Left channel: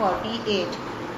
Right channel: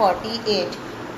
48,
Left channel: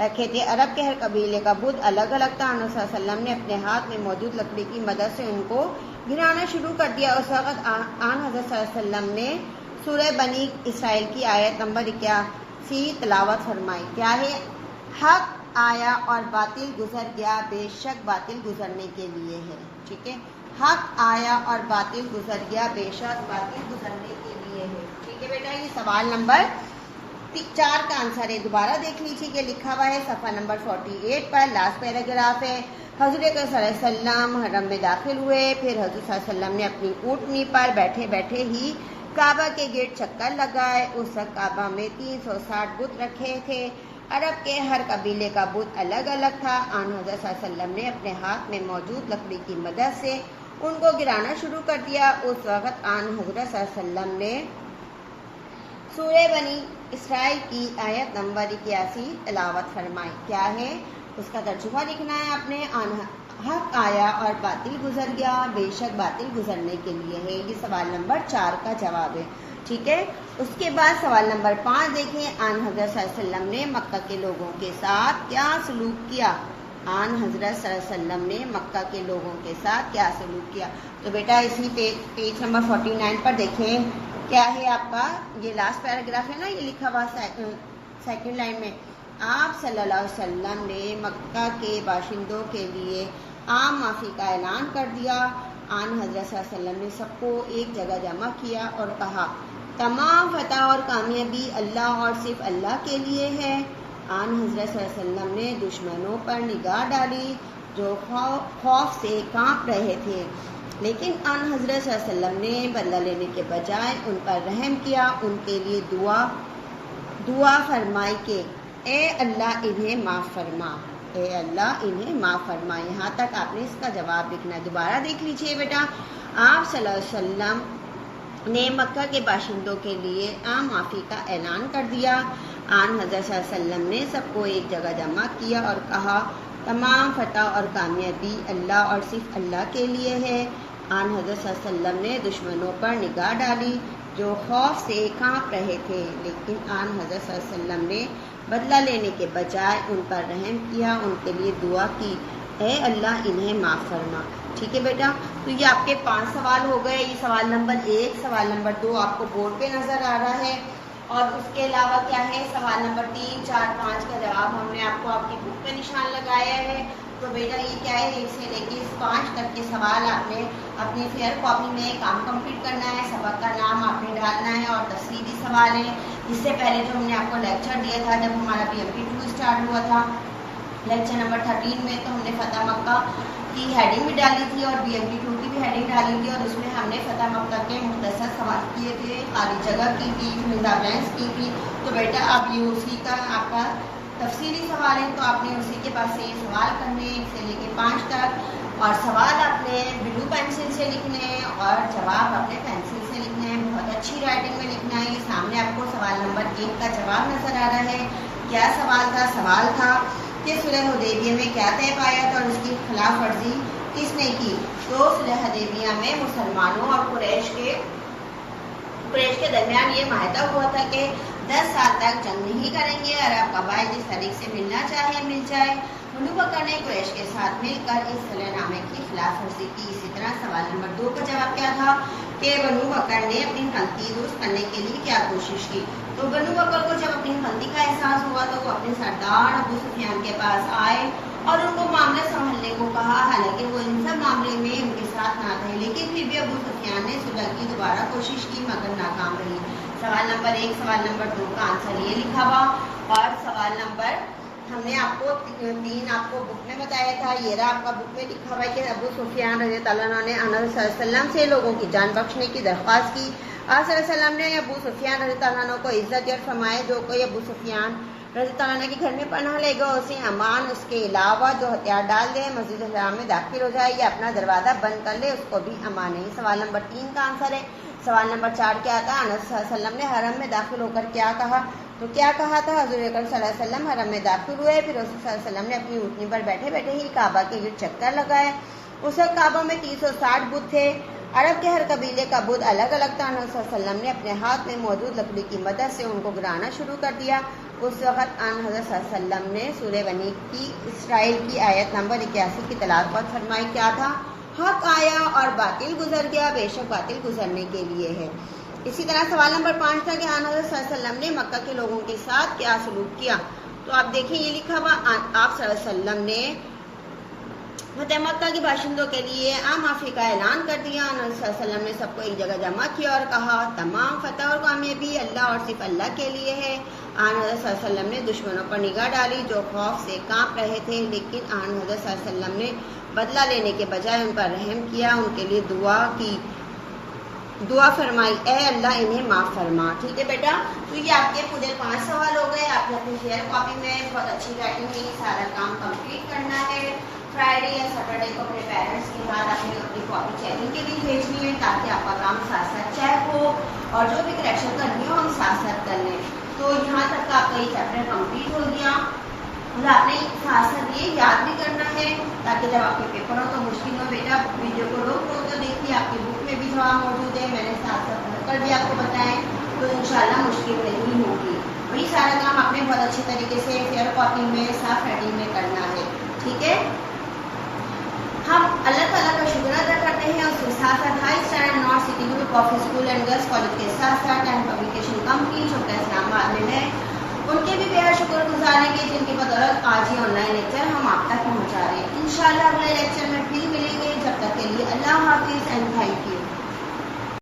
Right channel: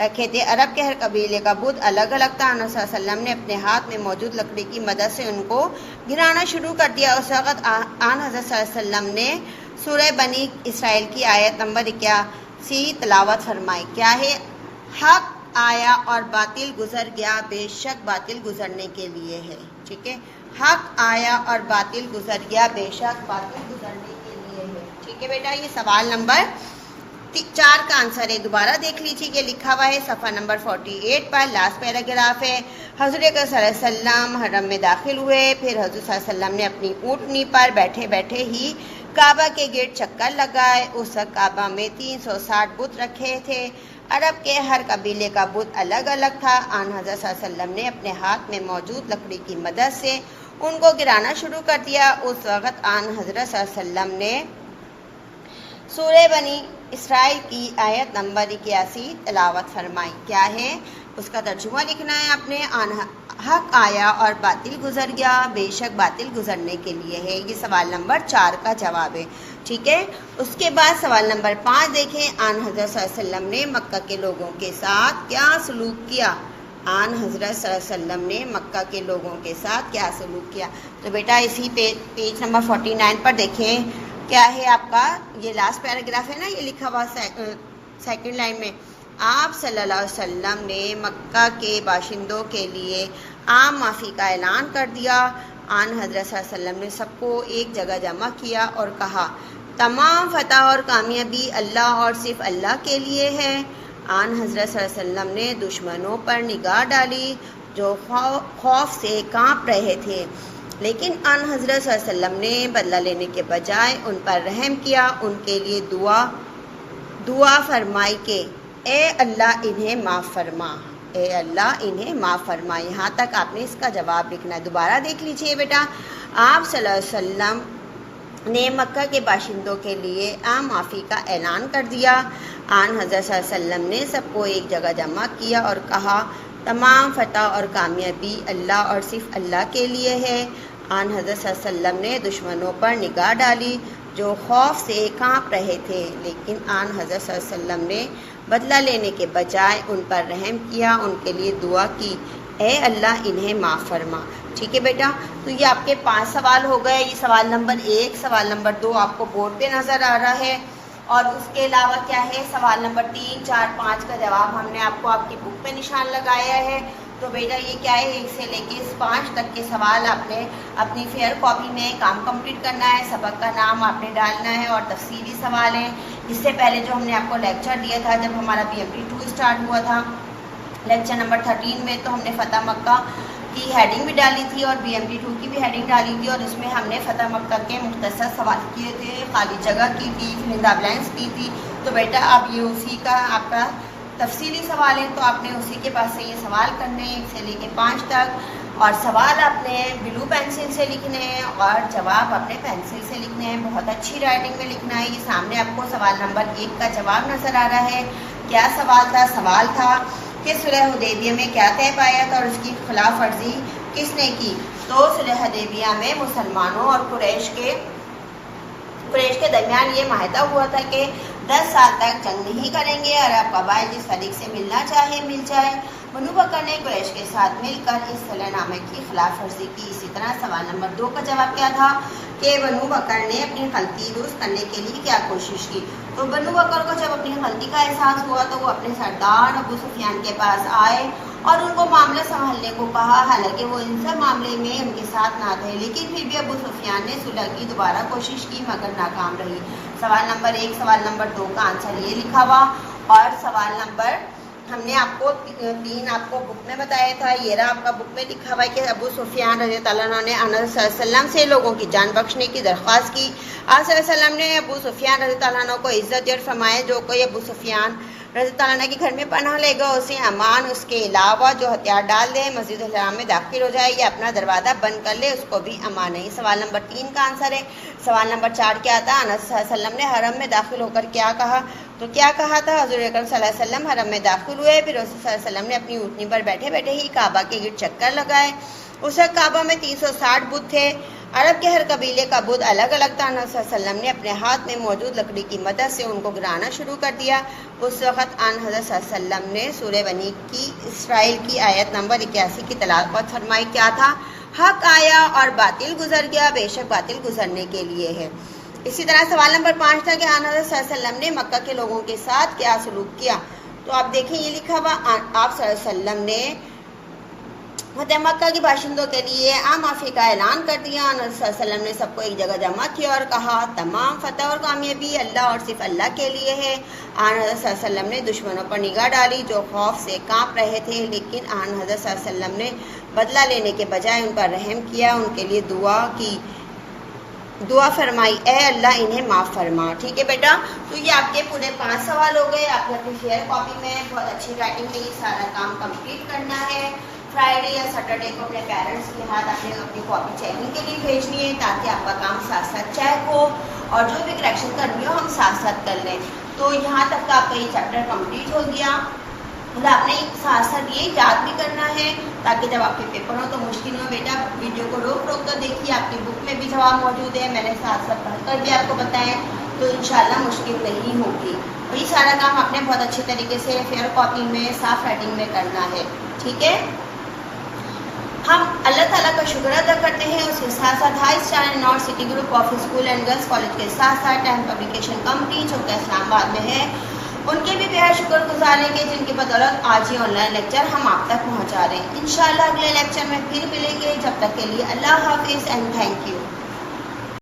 رکھے تھے۔ عرب کے ہر قبیلے کا بت الگ الگ تھا۔ آن صلی اللہ علیہ وسلم نے اپنے ہاتھ میں موجود لکڑی کی مدد سے ان کو گرانا شروع کر دیا۔ اس وقت آن حضرت صلی اللہ علیہ وسلم نے سورہ بنی اسرائیل کی آیت نمبر 81 تلاوت فرمائی۔ کیا ہے؟ حق آیا اور باطل گزر گیا، بے شک باطل گزرنے کے لیے ہے۔ ٹھیک ہے، حق آیا اور باطل گزر گیا، بے شک باطل گزرنے کے لیے ہے۔ ٹھیک ہے بیٹا، یہ سوال نمبر 4 کا آنسر ہے۔ دوبارہ دیکھ لیجیے کہ لکھا ہوا ہے صفحہ نمبر 48 پر، لاسٹ پیراگراف ہے۔ حضرت اکرم صلی اللہ علیہ وسلم حرم میں داخل ہوئے، پھر حضرت صلی اللہ علیہ وسلم نے اپنی اونٹنی پر بیٹھے بیٹھے ہی کعبہ کے گرد چکر لگائے۔ اس وقت کعبہ میں 360 بت رکھے تھے۔ عرب کے ہر قبیلے کا بت الگ الگ تھا۔ آن حضرت صلی اللہ علیہ وسلم نے اپنے ہاتھ میں موجود لکڑی کی مدد سے ان کو گرانا شروع کر دیا۔ اس وقت آن حضرت صلی اللہ علیہ وسلم نے سورہ بنی اسرائیل کی آیت نمبر 81 تلاوت فرمائی۔ کیا ہے؟ اس کا ترجمہ لکھنا ہے آپ نے۔ حق آیا اور باطل گزر گیا، بے شک باطل گزرنے کے لیے ہے۔ یہ سوال نمبر 4 کا جواب ہے۔ ٹھیک ہے، اس کے بعد سوال نمبر 5 دیکھیں۔ آن حضرت صلی اللہ علیہ وسلم نے مکہ کے لوگوں کے ساتھ کیا سلوک کیا؟ آن حضرت صلی اللہ علیہ وسلم نے مکہ کے لوگوں کے ساتھ کیا سلوک کیا؟ تو بیٹا اسی پیج نمبر 49 پر دیکھیں، کیا ہے آپ کا یہ لاسٹ پیراگراف ہے نا، یہ لکھا ہوا سیکنڈ لائن میں۔ آپ صلی اللہ علیہ وسلم نے مکہ کے باشندوں کے لیے عام معافی کا اعلان کر دیا۔ آن حضرت صلی اللہ علیہ وسلم نے سب کو ایک جگہ جمع کیا اور کہا، تمام فتح اور کامیابی اللہ اور صرف اللہ کے لیے ہے۔ آن حضرت صلی اللہ علیہ وسلم نے دشمنوں پر نگاہ ڈالی جو خوف سے کانپ رہے تھے، لیکن آن حضرت صلی اللہ علیہ وسلم نے بدلہ لینے کے بجائے ان پر رحم کیا، ان کے لیے دعا فرمائی کہ اے اللہ انہیں معاف فرما، اے اللہ انہیں معاف فرما۔ یہاں تک آپ نے اس کا جواب لکھنا ہے۔ دوبارہ دیکھ لیجئے بیٹا، آپ صلی اللہ علیہ وسلم نے مکہ کے باشندوں کے لیے عام معافی کا اعلان کر دیا۔ آن حضرت صلی اللہ علیہ وسلم نے سب کو ایک جگہ جمع کیا اور کہا، تمام فتح اور کامیابی اللہ اور صرف اللہ کے لیے ہے۔ آن حضرت صلی اللہ علیہ وسلم نے دشمنوں پر نگاہ ڈالی جو خوف سے کانپ رہے تھے، لیکن آن حضرت صلی اللہ علیہ وسلم نے بدلہ لینے کے بجائے ان پر رحم کیا، ان کے لیے دعا کی، اے اللہ انہیں معاف فرما۔ ٹھیک ہے بیٹا، تو یہ آپ کے 5 سوال ہو گئے۔ یہ سوال نمبر 1، سوال نمبر 2 آپ کو بورڈ پہ نظر آ رہا ہے، اور اس کے علاوہ کیا ہے، سوال نمبر 3، 4، 5 کا جواب ہم نے آپ کو آپ کی بک پہ نشان لگایا ہے۔ تو بیٹا یہ کیا ہے، 1 سے لے کے 5 تک کے سوال آپ نے اپنی فیئر کاپی میں کام کمپلیٹ کرنا ہے۔ سبق کا نام آپ نے ڈالنا ہے اور تفصیلی سوال ہیں۔ اس سے پہلے جو ہم نے آپ کو لیکچر دیا تھا جب ہمارا BMP2 اسٹارٹ ہوا تھا، لیکچر نمبر 13 میں، تو ہم نے فتح مکہ کی ہیڈنگ بھی ڈالی تھی اور BMP2 کی بھی ہیڈنگ ڈالی تھی، اور اس میں ہم نے فتح مکہ کے مختصر سوال کیے تھے، خالی جگہ کی تھی، بلینکس کی تھی۔ تو بیٹا اب یہ اسی کا آپ کا تفصیلی سوال ہے، تو آپ نے اسی کے پاس سے یہ سوال کرنے ہیں 1 سے لے کے 5 تک، اور سوال آپ نے بلو پینسل سے لکھنے ہیں اور جواب آپ نے پینسل سے لکھنے ہیں، بہت اچھی رائٹنگ میں لکھنا ہے۔ یہ سامنے آپ کو سوال نمبر 1 کا جواب نظر آ رہا ہے۔ کیا سوال تھا؟ سوال تھا کہ صلح حدیبیہ میں کیا طے پایا تھا اور اس کی خلاف ورزی کس نے کی؟ تو صلح حدیبیہ میں مسلمانوں اور قریش کے درمیان یہ معاہدہ ہوا تھا کہ 10 سال تک جنگ نہیں کریں گے، عرب قبائل جس فریق سے ملنا چاہے مل جائے۔ بنو بکر نے قریش کے ساتھ مل کر اس صلح نامے کی خلاف ورزی کی۔ اسی طرح سوال نمبر 2 کا جواب کیا تھا کہ بنو بکر نے اپنی غلطی درست کرنے کے لیے کیا کوشش کی؟ تو بنو بکر کو جب اپنی غلطی کا احساس ہوا تو وہ اپنے سردار ابو سفیان کے پاس آئے اور ان کو معاملہ سنبھالنے کو کہا، حالانکہ وہ ان سب معاملے میں ان کے ساتھ نہ تھے، لیکن پھر بھی ابو سفیان نے صلح کی دوبارہ کوشش کی مگر ناکام رہی۔ سوال نمبر 1، سوال نمبر 2 کا آنسر یہ لکھا ہوا، اور سوال نمبر ہم نے آپ کو 3 آپ کو بک میں بتایا تھا، یہ رہا آپ کا بک میں لکھا ہوا ہے کہ ابو سفیان رضی اللہ عنہ نے آن صلی اللہ علیہ وسلم سے لوگوں کی جان بخشنے کی درخواست کی۔ آن صلی اللہ علیہ وسلم نے ابو سفیان رضی اللہ عنہ کو عزت دی اور فرمایا، جو کوئی ابو سفیان رضی اللہ عنہ کے گھر میں پناہ لے گا اسے امان، اس کے علاوہ جو ہتھیار ڈال دے، مسجد الحرام میں داخل ہو جائے یا اپنا دروازہ بند کر لے، اس کو بھی امان ہے۔ سوال نمبر 3 کا آنسر ہے۔ سوال نمبر 4 کیا تھا؟ انس صلی اللہ علیہ وسلم نے حرم میں داخل ہو کر کیا کہا؟ تو کیا کہا تھا؟ حضور اکرم صلی اللہ علیہ وسلم حرم میں داخل ہوئے، پھر رسول صلی اللہ علیہ وسلم نے اپنی اونٹنی پر بیٹھے بیٹھے ہی کعبہ کے گرد چکر لگائے۔ اس وقت کعبہ میں 360 بت تھے۔ عرب کے ہر قبیلے کا بت الگ الگ تھا۔ نبی صلی اللہ علیہ وسلم نے اپنے ہاتھ میں موجود لکڑی کی مدد سے ان کو گرانا شروع کر دیا۔ اس وقت حضرت صلی اللہ علیہ وسلم نے سورہ بنی اسرائیل کی آیت نمبر 81 کی تلاوت فرمائی۔ کیا تھا؟ حق آیا اور باطل گزر گیا، بے شک باطل گزرنے کے لیے ہے۔ اسی طرح سوال نمبر 5 تھا کہ حضرت صلی اللہ علیہ وسلم نے مکہ کے لوگوں کے ساتھ کیا سلوک کیا؟ تو آپ دیکھیں یہ لکھا ہوا، آپ صلی اللہ علیہ وسلم نے فتح مکہ کے باشندوں کے لیے عام معافی کا اعلان کر دیا۔ نبی صلی اللہ علیہ وسلم نے سب کو ایک جگہ جمع کیا اور کہا تمام فتح اور کامیابی اللہ اور صرف اللہ کے لیے ہے۔ حضرت صلی اللہ علیہ وسلم نے دشمنوں پر نگاہ ڈالی جو خوف سے کانپ رہے تھے، لیکن حضرت صلی اللہ علیہ وسلم نے بدلہ لینے کے بجائے ان پر رحم کیا، ان کے لیے دعا فرمائی، اے اللہ انہیں معاف فرما۔ ٹھیک ہے بیٹا، تو یہ آپ کے پورے 5 سوال ہو گئے۔ آپ نے اپنی شیئر کاپی میں بہت اچھی رائٹنگ میں یہ سارا کام کمپلیٹ کرنا ہے۔ فرائیڈے یا سیٹرڈے کو اپنے پیرنٹس کے ہاتھ آپ نے اپنی کاپی چیکنگ کے لیے بھیجنی ہے، تاکہ آپ کا کام ساتھ ساتھ چیک ہو اور جو بھی کریکشن کرنی ہو ہم ساتھ ساتھ کر لیں۔ تو یہاں تک کا آپ کا یہ چیپٹر کمپلیٹ ہو گیا۔ آپ نے ساتھ ساتھ یہ یاد بھی کرنا ہے تاکہ جب آپ کے پیپر ہو تو مشکل ہو۔ بیٹا ویڈیو کو روک کر دیکھیے، آپ کی بک میں بھی جواب موجود ہے، میں نے ساتھ ساتھ پڑھ کر بھی آپ کو بتایا، تو انشاءاللہ مشکل نہیں ہوگی۔ وہی سارا کام آپ نے بہت اچھے طریقے سے فیئر کاپی میں صاف رائٹنگ میں کرنا ہے۔ ٹھیک ہے، ہم اللہ تعالیٰ کا شکر ادا کرتے ہیں، اس کے ساتھ ساتھ high star north city group of school and girls college کے ساتھ ساتھ ٹائم پبلیکیشن کمپنی جو کہ اسلام آباد میں ہے، ان کے بھی بہت شکر گزار ہیں کہ جن کی بدولت آج ہی آن لائن لیکچر ہم آپ تک پہنچا رہے ہیں۔ انشاءاللہ اگلے لیکچر میں پھر ملیں گے، جب تک کے لیے اللہ حافظ اینڈ تھینک یو۔